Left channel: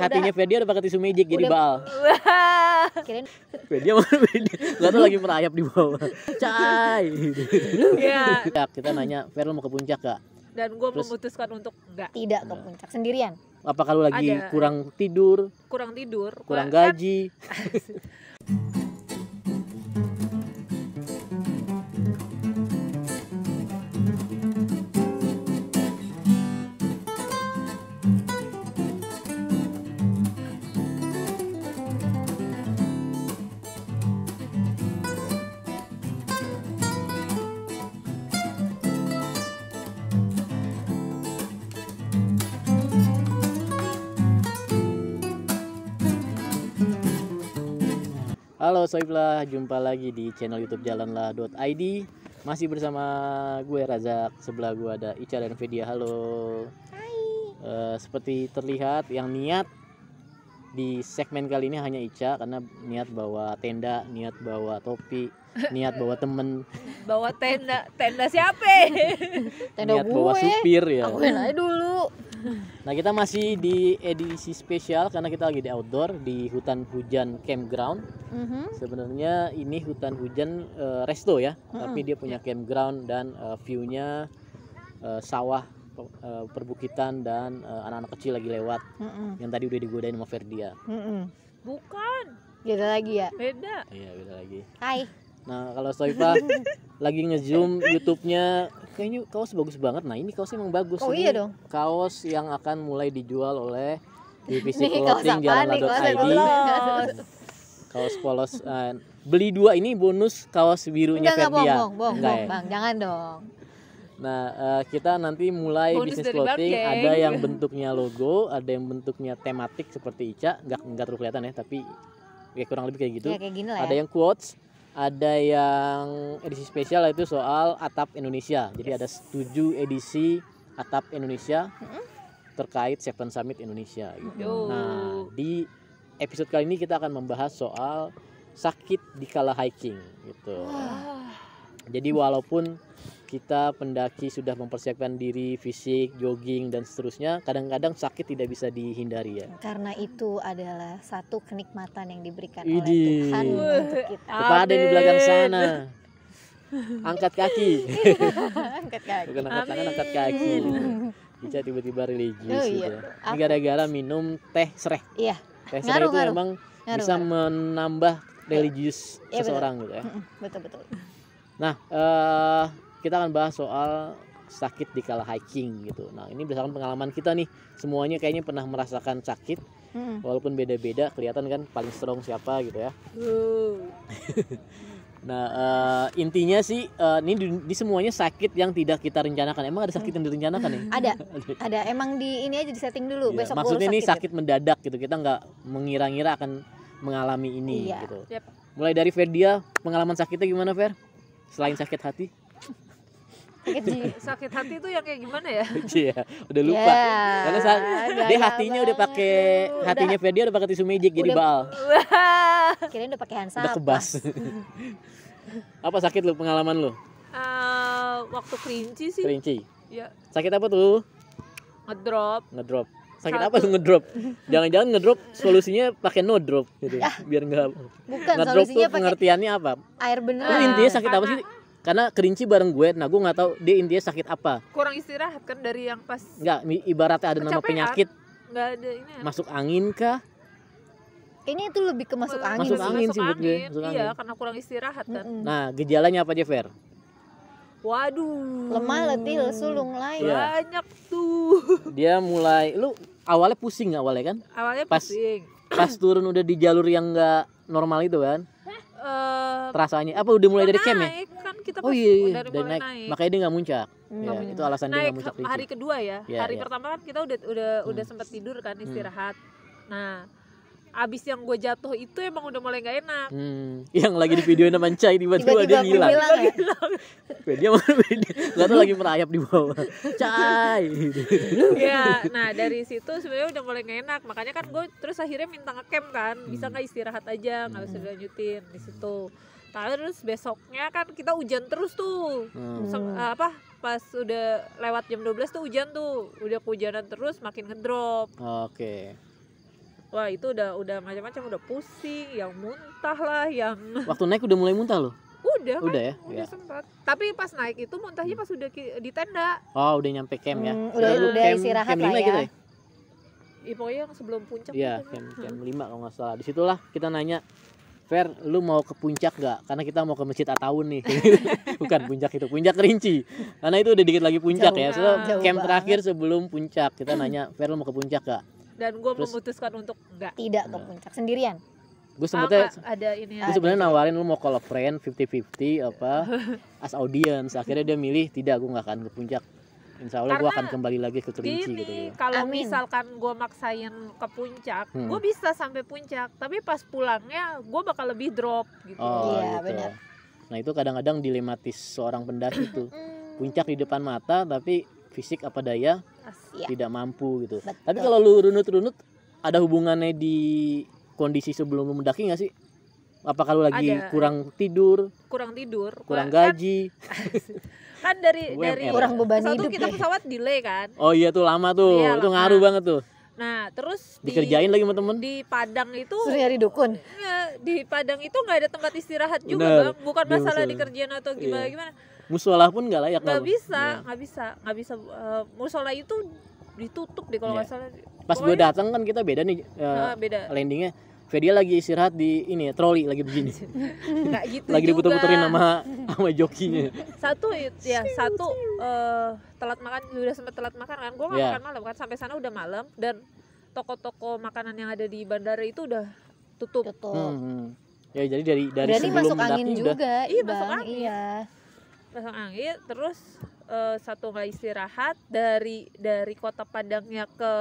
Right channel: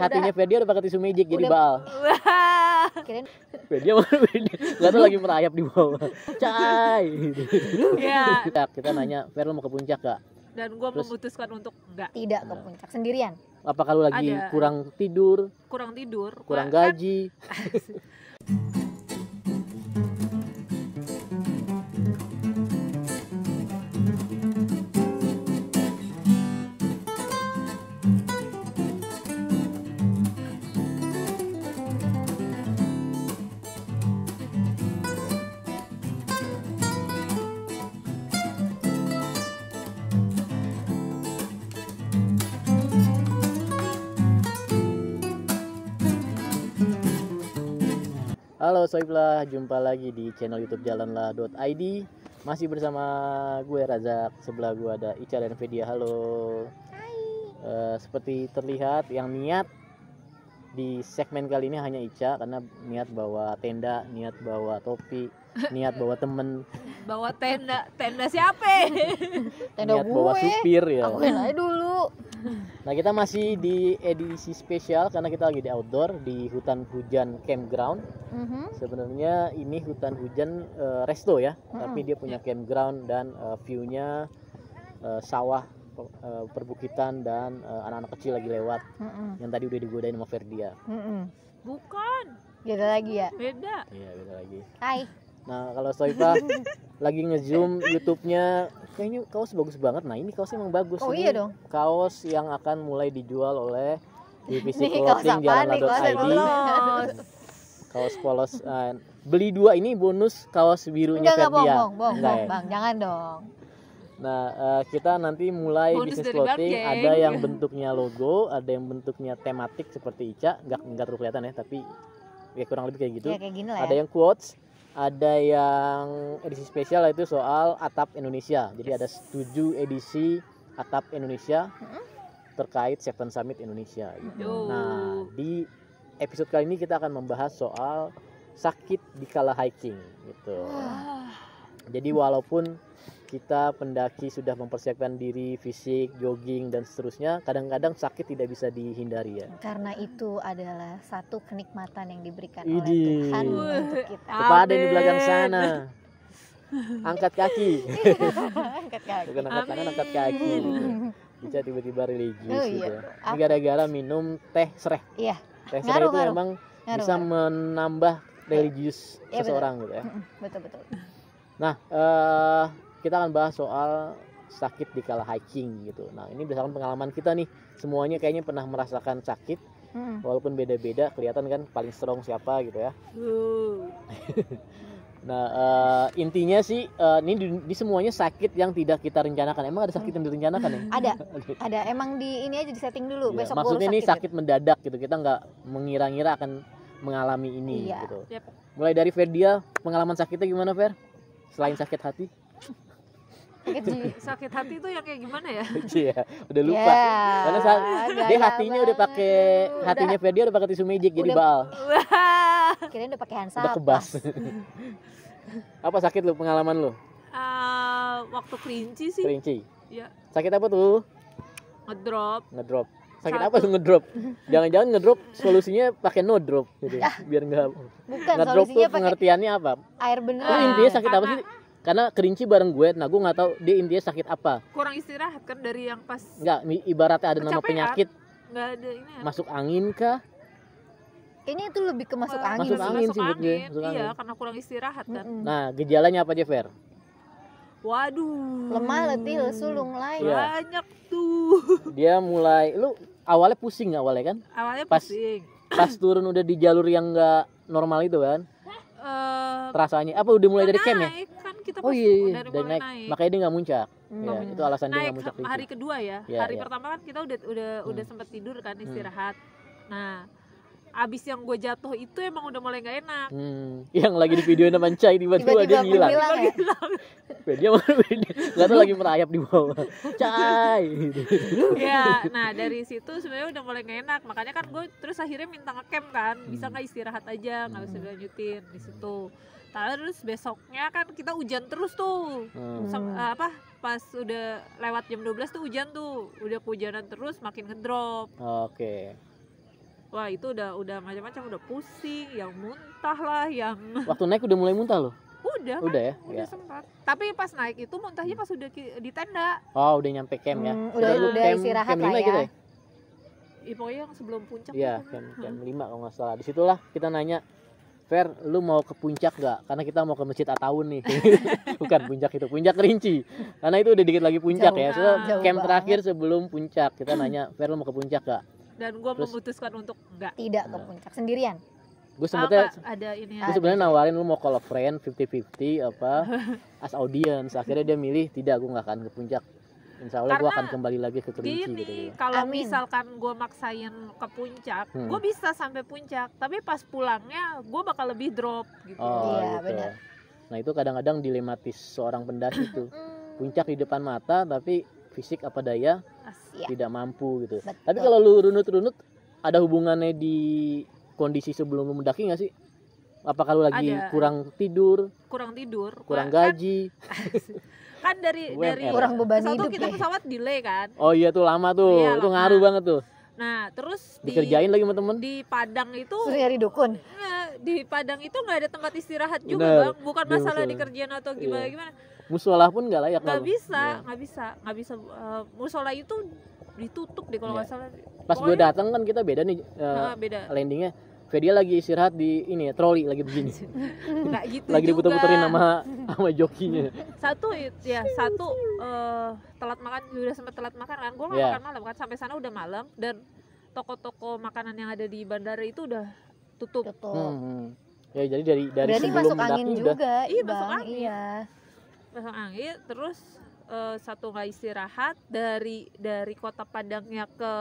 hatinya Ferdia udah pakai tisu magic jadi baal. Kirain Ferdia nggak tahu lagi merayap di bawah. Cai. Ya. Kita nanya, Fer lo mau ke puncak gak? Dan gue memutuskan untuk enggak. tidak ke puncak sendirian. Apa kalau lagi Ada. kurang tidur, Kurang tidur, kurang kan- gaji? Halo Soiblah, jumpa lagi di channel YouTube jalanlah.id. Masih bersama gue Razak, sebelah gue ada Ica dan Fedia. Halo. Seperti terlihat yang niat di segmen kali ini hanya Ica, karena niat bawa tenda, niat bawa topi, niat bawa temen, bawa tenda siapa? Tenda niat bawa supir ya. Aku aja dulu. Nah, kita masih di edisi spesial karena kita lagi di outdoor di hutan hujan campground. Sebenarnya ini hutan hujan resto ya, tapi dia punya campground dan view-nya sawah, perbukitan dan anak-anak kecil lagi lewat. Yang tadi udah digodain sama Ferdia. Bukan, Beda lagi ya. beda. Iya, beda lagi. Hai. Nah, kalau Soifa lagi nge-zoom YouTube-nya, kayaknya kaos bagus banget. Nah, ini kaosnya emang bagus. Oh Ini iya dong. kaos yang akan mulai dijual oleh divisi Nih, kaos clothing apaan nih? Kaos jalanlah.id. Polos. Kaos polos. Beli 2 ini bonus kaos birunya Enggak, Ferdia. bohong, Enggak ya? Bang. Jangan dong. Nah, kita nanti mulai Bonus bisnis dari Bang clothing. Geng. Ada yang bentuknya logo, ada yang bentuknya tematik seperti Ica. Enggak terlalu kelihatan ya, tapi ya kurang lebih kayak gitu. Ya kayak gini lah Ada ya. yang quotes, ada yang edisi spesial itu soal atap Indonesia. Jadi ada 7 edisi atap Indonesia terkait Seven Summit Indonesia gitu. Yo. Nah, di episode kali ini kita akan membahas soal sakit di kala hiking gitu. Jadi walaupun kita pendaki sudah mempersiapkan diri fisik, jogging dan seterusnya, kadang-kadang sakit tidak bisa dihindari ya. Karena itu adalah satu kenikmatan yang diberikan Idih. oleh Tuhan untuk kita. Kepada di belakang sana. Angkat kaki. Angkat kaki. Bukan angkat tangan, angkat kaki. Bisa tiba-tiba religius Oh, iya. gitu. Ini gara-gara minum teh sereh. Iya. Teh sereh Ngaruh, itu ngaruh. emang Ngaruh, bisa ngaruh. menambah religius Iya, seseorang gitu ya. Betul. Nah, kita akan bahas soal sakit di kala hiking gitu. Nah, ini berdasarkan pengalaman kita nih. Semuanya kayaknya pernah merasakan sakit, walaupun beda-beda. Kelihatan kan paling strong siapa gitu ya. Nah, intinya sih ini di semuanya sakit yang tidak kita rencanakan. Emang ada sakit yang direncanakan ya? Ada. Emang di ini aja di setting dulu. Iya, Besok maksudnya gua ini sakit. sakit mendadak gitu. Kita nggak mengira-ngira akan mengalami ini Iya. gitu. Yap. Mulai dari Ferdia, pengalaman sakitnya gimana, Fer? Selain sakit hati? Sakit jiwa. Sakit hati itu yang kayak gimana ya? Iya, udah lupa. Karena dia hatinya udah pakai hatinya Ferdia udah pakai tisu magic jadi Udah. baal. Kirain udah pakai hand Udah sanitizer. kebas. Apa sakit lu, pengalaman lu? Waktu kelinci sih. Kerinci. Ya, Sakit apa tuh? ngedrop. Ngedrop. Sakit Satu. apa tuh ngedrop? Jangan-jangan ngedrop solusinya pakai no drop gitu. Biar enggak. Bukan, Ngedrop tuh solusinya pakai pengertiannya apa? air Lu beneran. intinya sakit apa karena- sih? Karena kerinci bareng gue, nah gue nggak tahu dia intinya sakit apa. Kurang istirahat kan dari yang pas Nggak, ibaratnya ada nama Kecapean. penyakit nggak ada ini. ya. masuk angin kah? Kayaknya itu lebih ke masuk angin. Masuk sih. angin sih menurut gue, masuk Iya, angin. karena kurang istirahat kan. Nah, gejalanya apa aja, Fer? Waduh. Lemah, letih, lesu, lunglai. Iya. Banyak tuh. Dia mulai, lu awalnya pusing nggak awalnya kan? Awalnya Pas- pusing. Pas turun udah di jalur yang nggak normal itu kan? Eh, Rasanya apa udah mulai dari camp ya? naik kan kita Oh pas iya, dari dari mulai naik. naik. Makanya dia nggak muncak. Nggak Ya, muncak. itu alasan dia Naik nggak muncak. hari kedua ya. Iya, Hari iya. pertama kan kita udah sempat tidur kan istirahat. Nah, abis yang gue jatuh itu emang udah mulai nggak enak. Yang lagi di video sama Cai tiba-tiba dia ngilang. hilang ya? Dia nggak tahu lagi merayap di bawah. Cai. Ya, nah dari situ sebenarnya udah mulai gak enak. Makanya kan gue terus akhirnya minta ngecamp kan, bisa nggak istirahat aja, nggak usah dilanjutin di situ. Terus besoknya kan kita hujan terus tuh. Pas udah lewat jam 12 tuh hujan tuh, udah kehujanan terus, makin ngedrop. Oke. wah itu udah macam-macam, udah pusing, yang muntah lah, yang Waktu naik udah mulai muntah loh. udah kan, Udah ya? udah Ya. sempat. Tapi pas naik itu muntahnya pas udah di tenda. Oh, udah nyampe camp ya. Udah Lu istirahat camp lah 5 ya. gitu ya? Pokoknya yang sebelum puncak Iya, itu kan. camp 5 kalau nggak salah. Disitulah kita nanya, Fer, lu mau ke puncak gak? Karena kita mau ke Masjid Ataun nih. Bukan puncak itu, puncak Kerinci. Karena itu udah dikit lagi puncak Jauh. ya. Soalnya Jauh camp banget. terakhir sebelum puncak. Kita nanya, Fer, lu mau ke puncak gak? Dan gue Terus- memutuskan untuk enggak. Tidak ke puncak sendirian. Gue sempetnya Enggak, ada ini ya. gue sebenarnya nawarin lu mau call a friend 50-50 apa as audience. Akhirnya dia milih tidak, gue nggak akan ke puncak. Insya Allah gue Karena akan kembali lagi ke Kerinci gitu. Gini, kalau Amin. misalkan gue maksain ke puncak, Hmm. gue bisa sampai puncak. Tapi pas pulangnya gue bakal lebih drop gitu. Iya, Oh, gitu. benar. Nah itu kadang-kadang dilematis seorang pendaki tuh. Puncak di depan mata tapi fisik apa daya Iya. tidak mampu gitu. Betul. Tapi kalau lu runut-runut, ada hubungannya di kondisi sebelum lu mendaki nggak sih? Apa kalau lagi Ada. kurang tidur, Kurang tidur, kurang kan, gaji? kan dari UMR. Kurang beban satu hidup kita ya. pesawat delay kan. Oh iya tuh lama tuh, Iya, itu lama. ngaruh banget tuh. Nah terus Dikerjain lagi sama temen. di Padang itu Terus nyari dukun. di Padang itu nggak ada tempat istirahat juga Bener. bang. Bukan Iya, masalah betul. dikerjain atau gimana Iya. gimana. Musola pun nggak layak. Nggak kan? bisa, Iya. nggak bisa. Musola itu ditutup deh kalau Iya. nggak salah. Pas gue Pokoknya, datang kan kita beda nih beda. landingnya. Fedia lagi istirahat di ini ya, troli lagi begini. Nggak gitu Lagi juga. diputer-puterin sama jokinya. Satu telat makan, udah sempet telat makan kan. Gue nggak Iya. makan malam kan, sampai sana udah malam dan toko-toko makanan yang ada di bandara itu udah tutup. Betul. Ya jadi dari Berarti sebelum masuk angin mendaki udah juga. Iya, Bang. masuk angin. Iya. Masuk angin, terus satu nggak istirahat dari kota Padangnya ke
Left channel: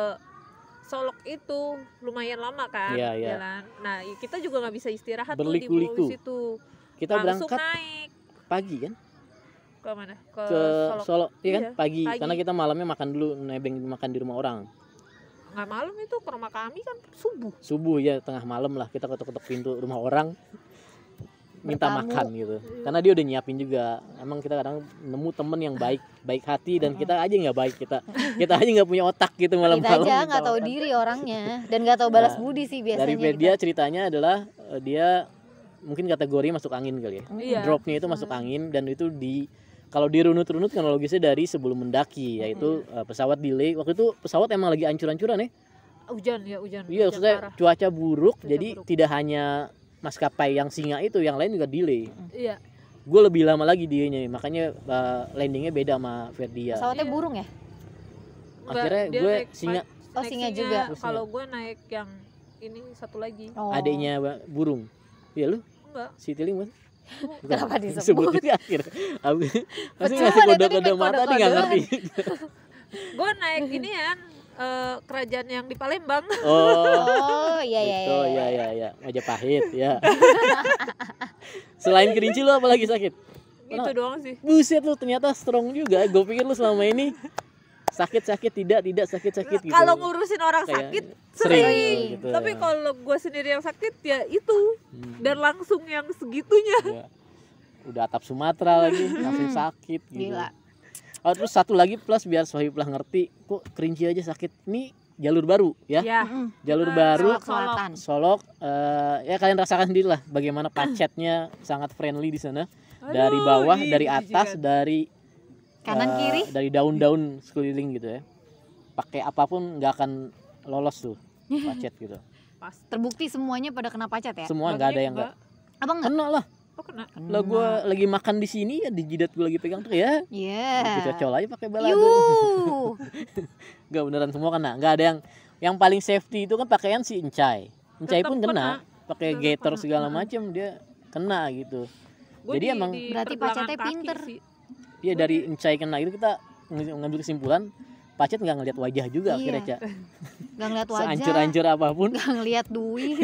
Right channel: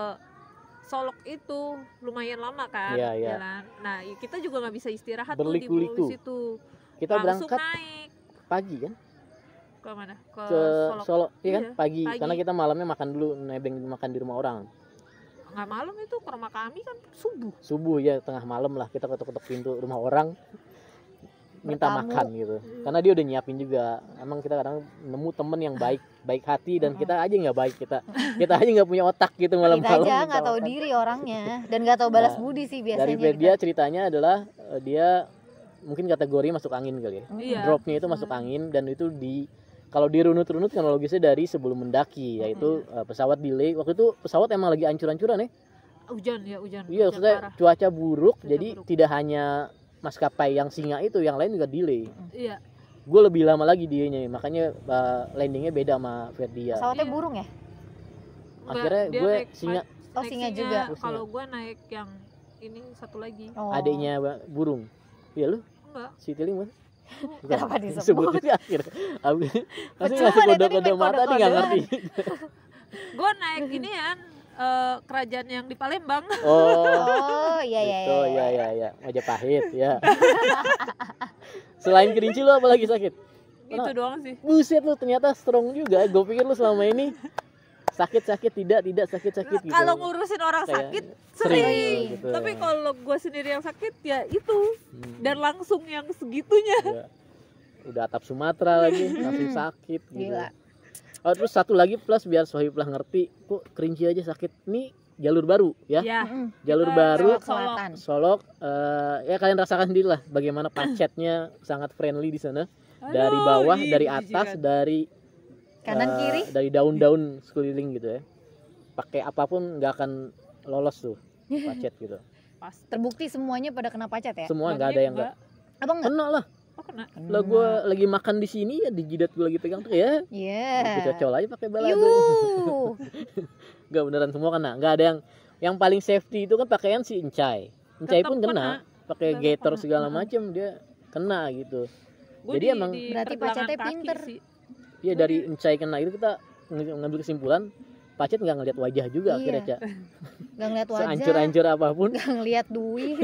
Solok itu lumayan lama kan Iya, iya. jalan. Nah kita juga nggak bisa istirahat tuh di Berliku-liku. bawah situ. kita Langsung berangkat naik pagi kan ke mana? Ke ke Solok. Solo, iya kan Iya, pagi. pagi. Karena kita malamnya makan dulu, nebeng makan di rumah orang. Nggak malam itu ke rumah kami kan subuh. Subuh ya, tengah malam lah kita ketok-ketok pintu rumah orang minta Bertamu. makan gitu. Karena dia udah nyiapin juga. Emang kita kadang nemu temen yang baik hati dan kita aja nggak baik, kita aja nggak punya otak gitu Kita malam-malam. aja minta nggak tahu makan. diri orangnya dan nggak tahu balas Nah, budi sih biasanya. Dari Fedia ceritanya adalah dia mungkin kategori masuk angin kali ya. Iya. Dropnya itu masuk angin dan itu kalau dirunut-runut kronologisnya dari sebelum mendaki, yaitu pesawat delay. Waktu itu pesawat emang lagi ancur-ancuran ya. Hujan. Iya, Hujan maksudnya parah. cuaca buruk, Cuaca jadi buruk. tidak hanya maskapai yang singa itu, yang lain juga delay. Iya. Gue lebih lama lagi dianya, makanya landingnya beda sama Ferdia. Pesawatnya Iya. burung ya? Enggak, Akhirnya dia gue naik singa. Oh, naik singa juga. Kalau gue naik yang ini satu lagi. Oh. Adiknya burung. Iya lu, Enggak. si Tiling bukan? Kenapa disebut? Sebut di akhir. Masih Betul, ngasih dari kode-kode tadi mata nih nggak kode-kodean. ngerti. Gue naik ini kan kerajaan yang di Palembang. Oh, Oh iya iya gitu, iya. ya. Majapahit ya. Selain Kerinci lu apa lagi sakit? Itu doang sih. Buset lu ternyata strong juga. Gue pikir lu selama ini sakit tidak sakit gitu. Kalau ngurusin orang Kayak sakit sering, sering. gitu. Tapi kalau gue sendiri yang sakit ya itu dan langsung yang segitunya. Ya. Udah atap Sumatera lagi langsung sakit gitu. Gila. Oh terus satu lagi plus biar Sohiblah ngerti, kok Kerinci aja sakit. Ini jalur baru ya. Ya. Jalur Kita baru lewat Solok. Selatan. Solok, ya kalian rasakan sendiri lah bagaimana pacetnya sangat friendly di sana. Dari Aduh, bawah, ih, dari jijikan. atas, dari Kanan kiri. dari daun-daun sekeliling gitu ya. Pakai apapun nggak akan lolos tuh pacet gitu. Pas. Terbukti semuanya pada kena pacet ya? Semua nggak ada yang nggak. Apa enggak? Kena lah. Oh kena. Lah gue lagi makan di sini ya, di jidat gue lagi pegang tuh ya. Iya. Kita cocol aja pakai balado. Yuh. Nggak beneran semua kena. Nggak ada yang paling safety itu kan pakaian si Encai. Encai Tetep pun kena. Pakai Tetep gator kena. segala macam dia kena gitu. Gua Jadi di, emang- di Berarti pergelangan pacetnya kaki pinter. sih. Dia dari Encai kena itu kita ngambil kesimpulan pacet nggak ngeliat wajah juga Iya. akhirnya Ca. Gak ngeliat wajah, Seancur-ancur apapun. gak ngeliat duit,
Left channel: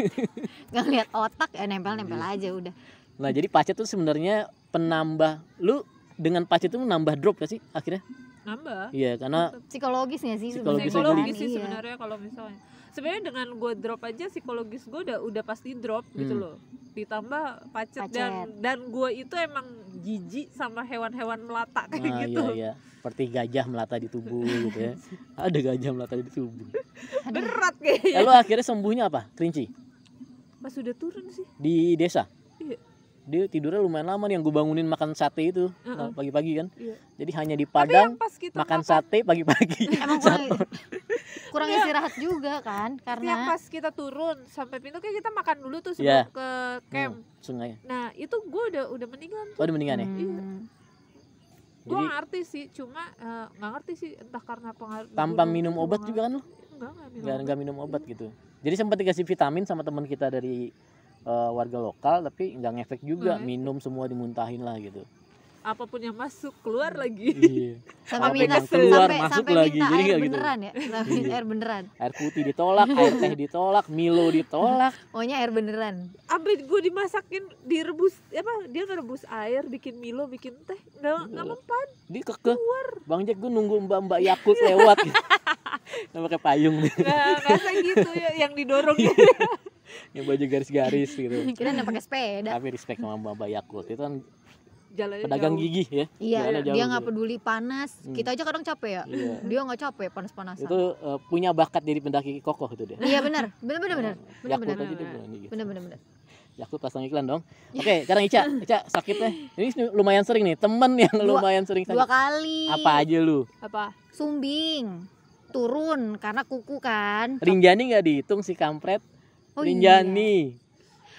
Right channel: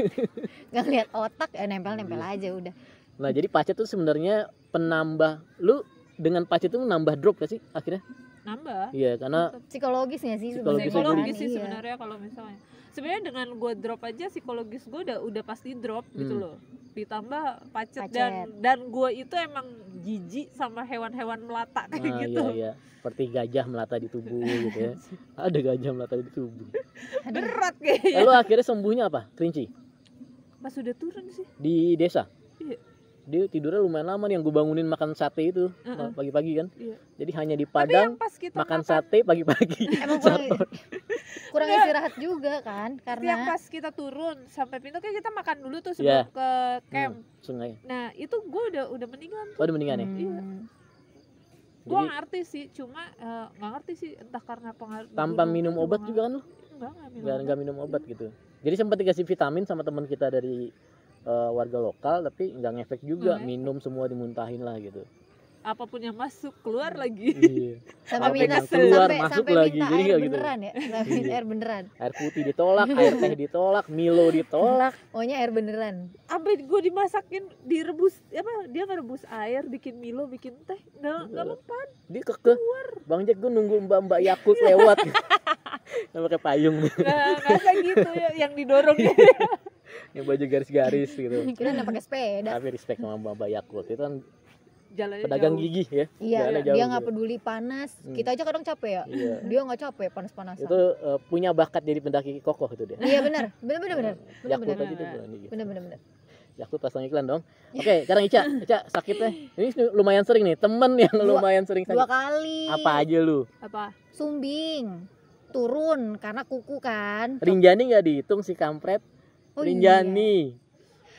gak ngeliat otak, ya nempel-nempel aja udah. Nah jadi pacet tuh sebenarnya penambah. Lu dengan pacet itu nambah drop gak sih akhirnya? Nambah. Iya karena Psikologisnya sih Psikologis sebenarnya. Psikologis sih Iya. sebenarnya kalau misalnya. Sebenarnya dengan gue drop aja psikologis gue udah pasti drop gitu loh. Ditambah pacet Pacet. dan gue itu emang jijik sama hewan-hewan melata kayak Nah, gitu. iya. Seperti gajah melata di tubuh gitu ya. Ada gajah melata di tubuh. Berat kayaknya. Lalu akhirnya sembuhnya apa? Kelinci Pas udah turun sih. di desa. Iya. Dia tidurnya lumayan lama nih, yang gue bangunin makan sate itu pagi-pagi kan. Iya. Jadi hanya di Tapi Padang yang pas kita makan sate pagi-pagi. Emang kurang istirahat juga kan, yang karena pas kita turun sampai pintu kayak kita makan dulu tuh Iya. sebelum ke camp. Sungai. Nah itu gue udah mendingan Oh, tuh. udah mendingan ya. Iya. Gue Jadi ngerti sih, cuma nggak ngerti sih entah karena pengaruh tanpa minum obat juga kan lu? Enggak minum Nggak minum obat gitu. Jadi sempat dikasih vitamin sama teman kita dari warga lokal, tapi nggak ngefek juga. Nggak ngefek. Minum semua dimuntahin lah gitu. Apapun yang masuk keluar lagi. Iya. sampai Apa minta yang keluar, sampai, masuk sampai lagi. minta Jadi air nggak gitu. beneran ya, sampai Iya. air beneran. Air putih ditolak, air teh ditolak, Milo ditolak. Pokoknya air beneran. Abis gue dimasakin, direbus dia ngerebus air, bikin Milo, bikin teh, nggak mempan. Dia kekeh. Bang Jack, gue nunggu mbak Yakult lewat. Yang pakai payung. Nggak gitu ya, yang didorong. Yang baju garis-garis gitu. Kita nggak pakai sepeda. Tapi respect sama mbak Yakult. Itu kan Jalannya pedagang jauh. gigih ya. Iya, Jalannya jauh dia gitu. nggak peduli panas. Kita aja kadang capek ya. Iya. Dia nggak capek panas-panasan. Itu punya bakat jadi pendaki kokoh itu dia. Iya benar, benar. Yakult Benar. aja dia berani gitu. Benar. Yakult pasang iklan dong. Oke, sekarang Ica sakitnya. Ini lumayan sering nih, temen yang lumayan sering sakit. 2 kali. Apa aja lu? Apa? Sumbing. Turun karena kuku kan. Rinjani nggak dihitung si kampret. Oh, Rinjani.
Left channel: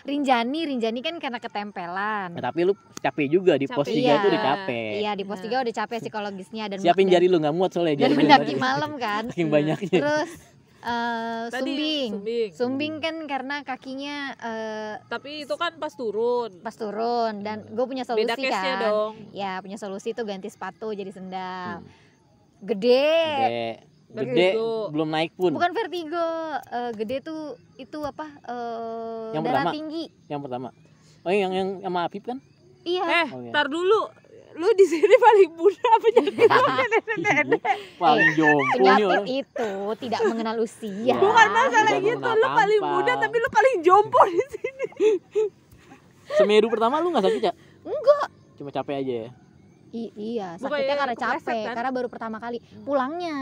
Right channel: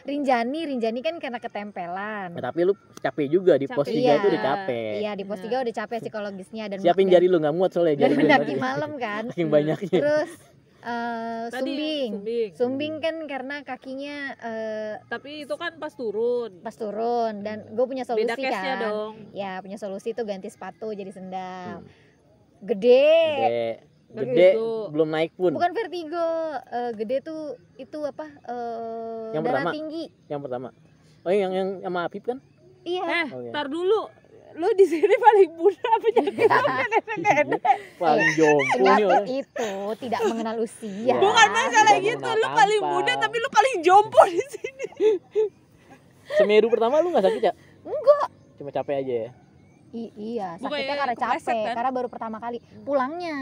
Rinjani kan karena ketempelan. Nah, tapi lu capek juga di pos 3 Capek. itu udah capek. Iya, di pos 3 udah capek psikologisnya dan Siapin jari lu, nggak muat soalnya dan jari mendaki malam kan. saking banyaknya. Terus Tadi sumbing. sumbing. Sumbing kan karena kakinya Tapi itu kan pas turun. pas turun dan gue punya solusi Beda case-nya kan. dong. Ya, punya solusi tuh ganti sepatu jadi sendal. Hmm. Gede. Gede Vertigo. belum naik pun. Bukan vertigo. Gede tuh itu apa? Yang Darah pertama? tinggi. Yang pertama. Oh, yang sama Apip kan? Iya. Oh, iya. Tar dulu. Lu di sini paling muda apa penyakit lu nenek-nenek? Paling jompo nih Penyakit orang. itu tidak mengenal usia. Bukan masalah Udah gitu, mau lu paling tampal. muda tapi lu paling jompo di sini. Semeru pertama lu nggak sakit ya? Enggak. Cuma capek aja ya. Iya, Bukan sakitnya ya, karena kepleset capek, kan? karena baru pertama kali. Pulangnya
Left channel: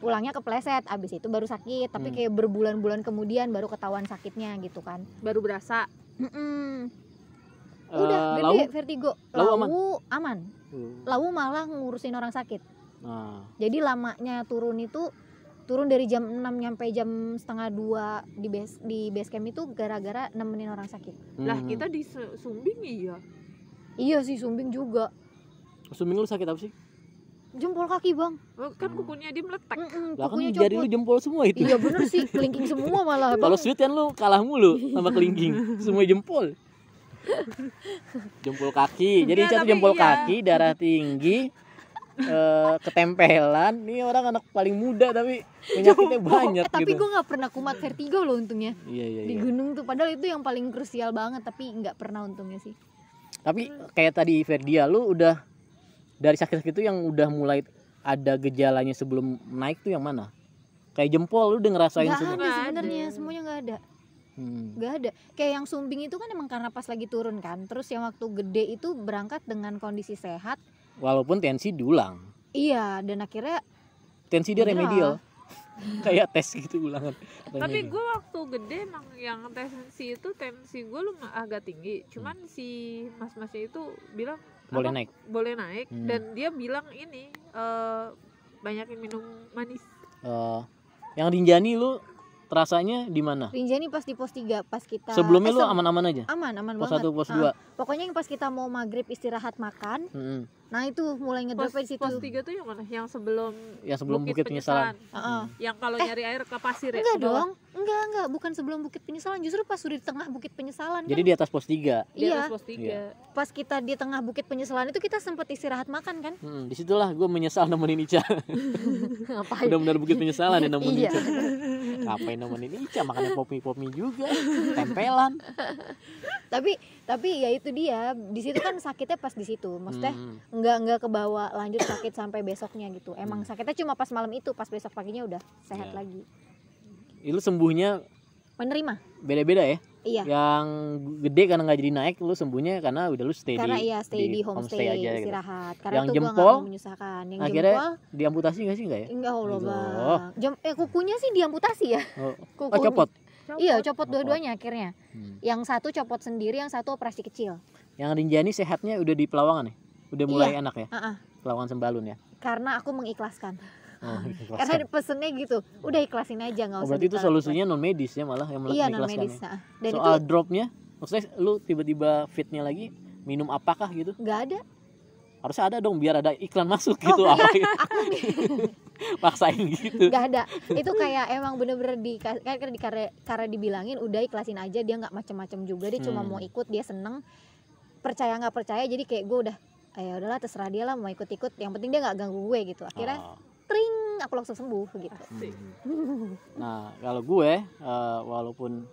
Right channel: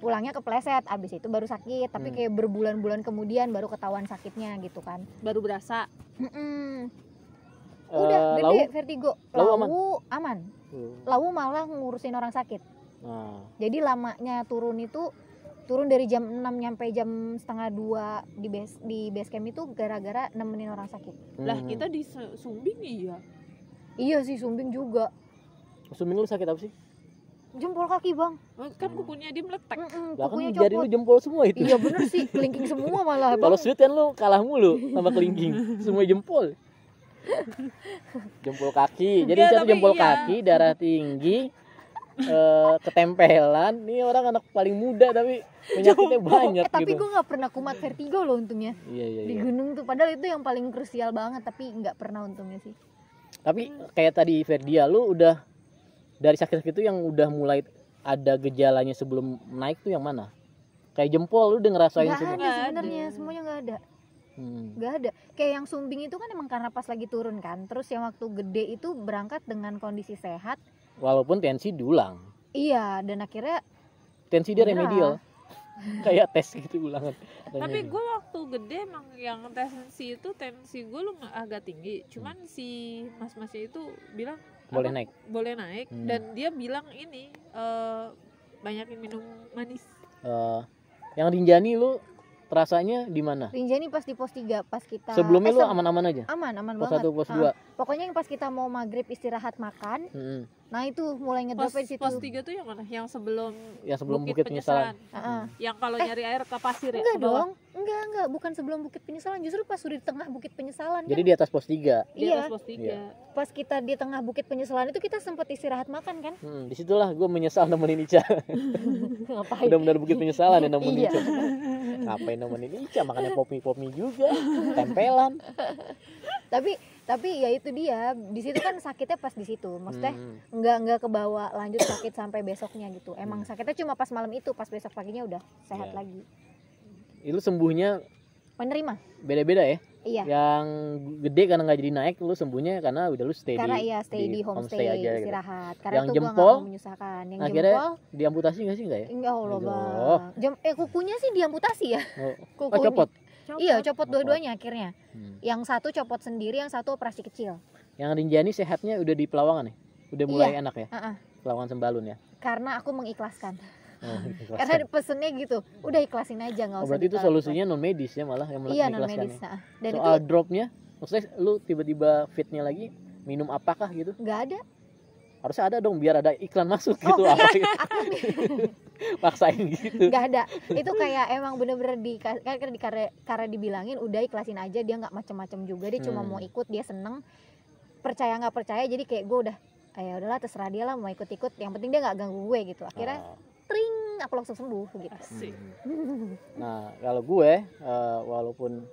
Pulangnya kepleset, abis itu baru sakit, tapi Hmm. kayak berbulan-bulan kemudian baru ketahuan sakitnya gitu kan. baru berasa. Mm-mm. Udah gede Lau? vertigo. Lau Lau aman. Lau malah ngurusin orang sakit. Nah, Jadi lamanya turun itu dari jam 6 nyampe jam setengah 2 di base camp itu gara-gara nemenin orang sakit. Lah kita di Sumbing iya. Iya sih, sumbing juga. Sumbing lu sakit apa sih? Jempol kaki, Bang. Kan kukunya dia meletak. Lah kan Kukunya jari lu copot. jempol semua itu. Iya bener sih, kelingking semua malah, Bang. Kalau shoot kan lu kalah mulu sama kelingking. Semua jempol. Jempol kaki. Jadi Enggak, satu tapi jempol iya. kaki, darah tinggi, ketempelan. Ini orang anak paling muda tapi penyakitnya banyak Tapi gitu. gue nggak pernah kumat vertigo loh untungnya. Iya. Di gunung tuh, padahal itu yang paling krusial banget, tapi nggak pernah untungnya sih. Tapi kayak tadi Ferdia, lu udah dari sakit-sakit itu yang udah mulai ada gejalanya sebelum naik tuh yang mana? Kayak jempol lu udah ngerasain Nggak semua? ada Nggak sebenarnya, ada. semuanya nggak ada. Hmm. Nggak ada. Kayak yang sumbing itu kan emang karena pas lagi turun kan. Terus yang waktu gede itu berangkat dengan kondisi sehat. Walaupun tensi diulang. Iya, dan akhirnya Tensi dia Beneran. remedial. Kayak tes gitu ulangan. Tapi gue waktu gede emang yang tensi gue agak tinggi. Cuman si mas-masnya itu bilang Boleh apa, naik. boleh naik. Hmm. Dan dia bilang ini banyakin minum manis. Yang Rinjani lu terasanya di mana? Rinjani pas di pos 3 pas kita Sebelumnya lu aman-aman aja? aman Pos banget. 1, pos 2. Pokoknya yang pas kita mau maghrib istirahat makan, Mm-mm. nah itu mulai ngedrop di situ. Pos 3 tuh yang mana? Yang sebelum Yang sebelum Bukit Penyesalan. Heeh. Yang kalau nyari air ke pasir ya? Enggak ke bawah? dong, enggak, bukan sebelum Bukit Penyesalan, justru pas sudah di tengah Bukit Penyesalan Jadi kan. di atas pos 3. Di Iya, atas pos 3. Iya. pas kita di tengah Bukit Penyesalan itu kita sempat istirahat makan kan. Disitulah gue menyesal nemenin Ica. Ngapain? Benar-benar Bukit Penyesalan ya nemenin Iya. Ica. Ngapain nemenin Ica, makannya pomi juga, tempelan. Tapi ya itu dia, di situ kan sakitnya pas di situ. Maksudnya Hmm. enggak kebawa lanjut sakit sampai besoknya gitu. Emang sakitnya cuma pas malam itu, pas besok paginya udah sehat Iya. lagi. Itu sembuhnya Menerima. Beda-beda ya. Iya. Yang gede karena nggak jadi naik, lu sembuhnya karena udah lu stay Karena di iya stay di homestay aja gitu. istirahat. Karena Yang tuh gua nggak jempol, mau menyusahkan. Yang akhirnya jempol diamputasi nggak sih nggak ya? enggak Allah Oh. bang. Kukunya sih diamputasi ya. Oh, Kuku. copot. Iya copot dua-duanya akhirnya. Hmm. Yang satu copot sendiri, yang satu operasi kecil. Yang Rinjani sehatnya udah di Pelawangan ya? Udah mulai Iya. enak ya? Uh-uh. Pelawangan Sembalun ya? Karena aku mengikhlaskan. Oh, Karena pesennya gitu, udah ikhlasin aja nggak usah. berarti itu ditaruh. solusinya non medis ya malah yang Iya non mengikhlaskan medis. ya. Dan Soal itu dropnya, maksudnya lu tiba-tiba fitnya lagi minum apakah gitu? nggak ada. Harusnya ada dong biar ada iklan masuk gitu. Apa gitu. Aku Paksain gitu. nggak ada. Itu kayak emang bener-bener karena dibilangin udah ikhlasin aja, dia nggak macem-macem juga, dia cuma mau ikut, dia seneng, percaya nggak percaya, jadi kayak gue udah ya udahlah terserah dia lah mau ikut-ikut, yang penting dia nggak ganggu gue gitu. Akhirnya Oh. pring aku langsung sembuh gitu. Asik. Nah kalau gue walaupun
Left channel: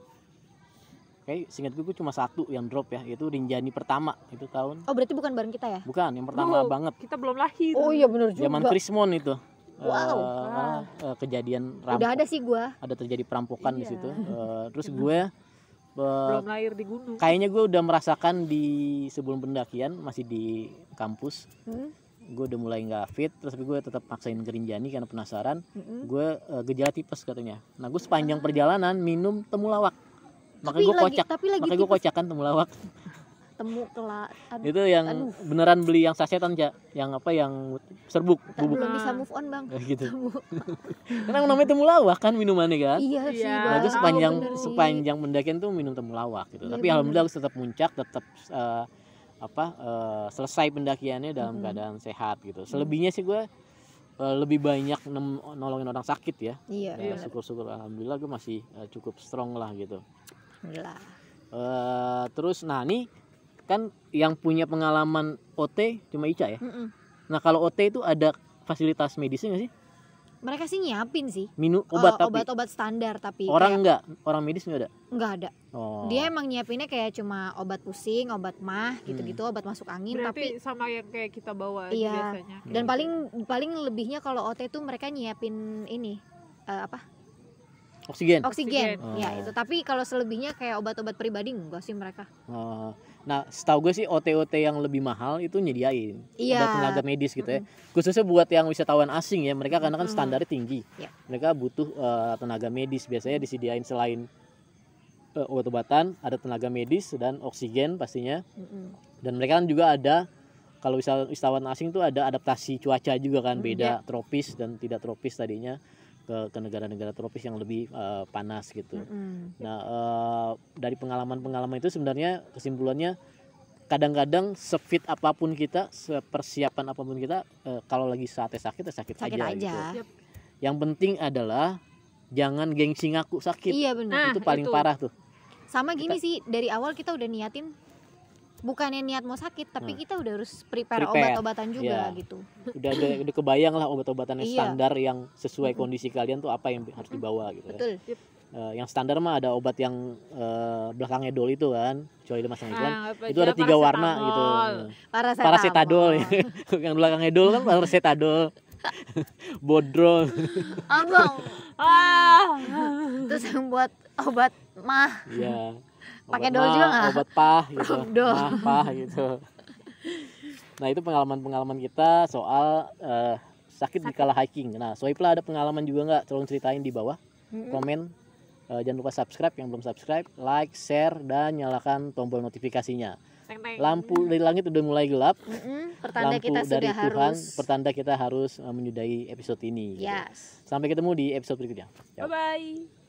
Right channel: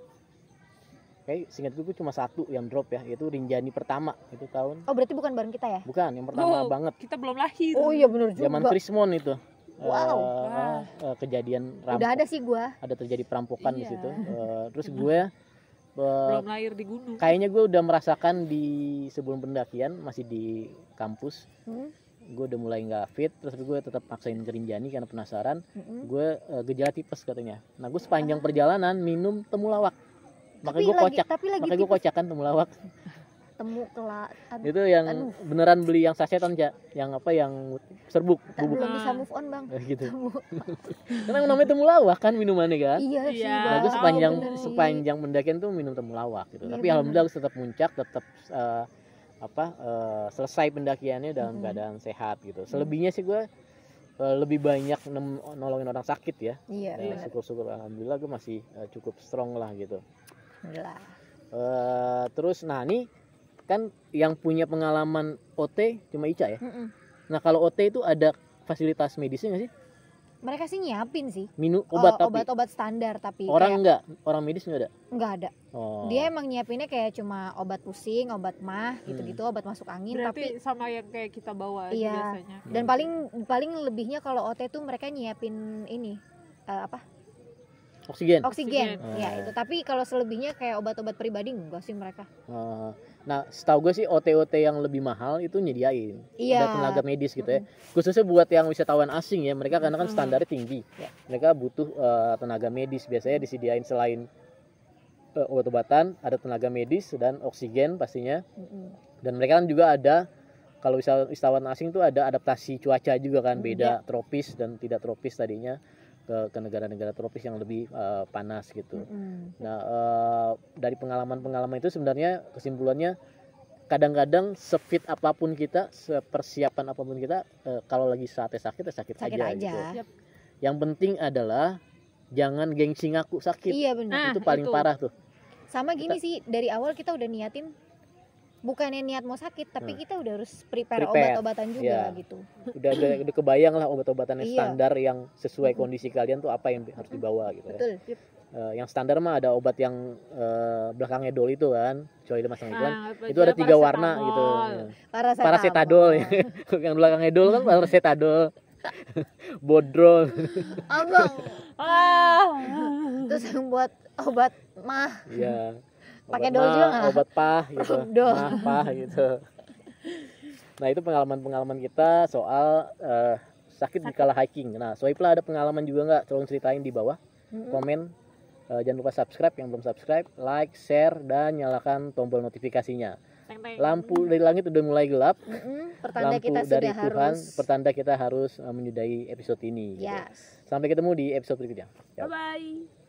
kayak singkat gue cuma satu yang drop ya, yaitu Rinjani pertama itu tahun Oh berarti bukan bareng kita ya? bukan yang pertama Oh, banget kita belum lahir. Oh iya bener juga. zaman Krismon itu. Wow. Kejadian Udah ada sih gue. ada terjadi perampokan di Iya. situ. Terus gue Belum lahir di gunung. kayaknya gue udah merasakan di sebelum pendakian masih di kampus. Gue udah mulai nggak fit, terus gue tetap maksain ke Rinjani karena penasaran. Gue gejala tipes katanya. Nah gue sepanjang perjalanan minum temulawak. Makanya gue kocak. Makanya gue kocakan temulawak. Temu kelak. Itu yang Aduh. beneran beli yang sasetan ya, yang apa yang serbuk bubuk Belum bisa move on bang. gitu. Karena namanya temulawak kan minumannya kan. Iya sih Iya. bang. Nah, itu Tahu, sepanjang bener sih. sepanjang pendakian tuh minum temulawak gitu. Iya, Tapi bener. alhamdulillah aku tetap muncak, tetap selesai pendakiannya dalam keadaan sehat gitu. Selebihnya sih gue lebih banyak nolongin orang sakit ya. Iya. Iya. bener. Syukur-syukur alhamdulillah gue masih cukup strong lah gitu. Alhamdulillah. Terus nah ini kan yang punya pengalaman OT cuma Ica ya. Mm-mm. Nah kalau OT itu ada fasilitas medisnya nggak sih? Mereka sih nyiapin sih. Minum obat tapi obat-obat standar tapi orang kayak enggak, orang medis nggak ada. nggak ada. Oh. Dia emang nyiapinnya kayak cuma obat pusing, obat mah gitu-gitu, obat masuk angin. Berarti Tapi sama yang kayak kita bawa aja Iya. biasanya. dan paling lebihnya kalau OT tuh mereka nyiapin ini Oksigen. oksigen. Oh. Ya itu. Tapi kalau selebihnya kayak obat-obat pribadi enggak sih mereka. Nah, setahu gue sih OT-OT yang lebih mahal itu nyediain. Iya. Ada tenaga medis gitu ya. Khususnya buat yang wisatawan asing ya, mereka karena kan standarnya tinggi. Iya. Mereka butuh tenaga medis. Biasanya disediain selain obat-obatan, ada tenaga medis dan oksigen pastinya. Mm-mm. Dan mereka kan juga ada, kalau wisatawan asing tuh ada adaptasi cuaca juga kan, beda tropis dan tidak tropis tadinya ke negara-negara tropis yang lebih panas gitu. Mm-mm. Nah, dari pengalaman-pengalaman itu sebenarnya kesimpulannya kadang-kadang sefit apapun kita, sepersiapan apapun kita, kalau lagi saatnya sakit Sakit aja aja. gitu. Yap. Yang penting adalah jangan gengsi ngaku sakit. Iya benar. Itu paling itu. parah tuh. Sama gini sih, dari awal kita udah niatin bukannya niat mau sakit, tapi kita udah harus prepare obat-obatan juga Iya. gitu. Udah kebayang lah obat-obatannya Iya. standar yang sesuai kondisi kalian tuh apa yang harus dibawa gitu ya. Betul. Yang standar mah ada obat yang belakangnya dol itu kan, kecuali dia masang iklan. Nah, Itu ada 3 warna gitu. Paracetamol. Yang belakangnya dol kan paracetamol. Bodro. Abang. Terus yang buat obat mah. Iya. Pakai Obat dol mah, juga nggak? Obat pah gitu. Dol. Pah gitu. Nah, itu pengalaman-pengalaman kita soal sakit di kala hiking. Nah, Soipla ada pengalaman juga nggak? Tolong ceritain di bawah. Komen. Jangan lupa subscribe yang belum subscribe, like, share, dan nyalakan tombol notifikasinya. Teng-teng. Lampu dari langit udah mulai gelap. Pertanda Lampu kita dari sudah Tuhan, harus. pertanda kita harus menyudahi episode ini. Gitu. Yes. Sampai ketemu di episode berikutnya. Bye bye.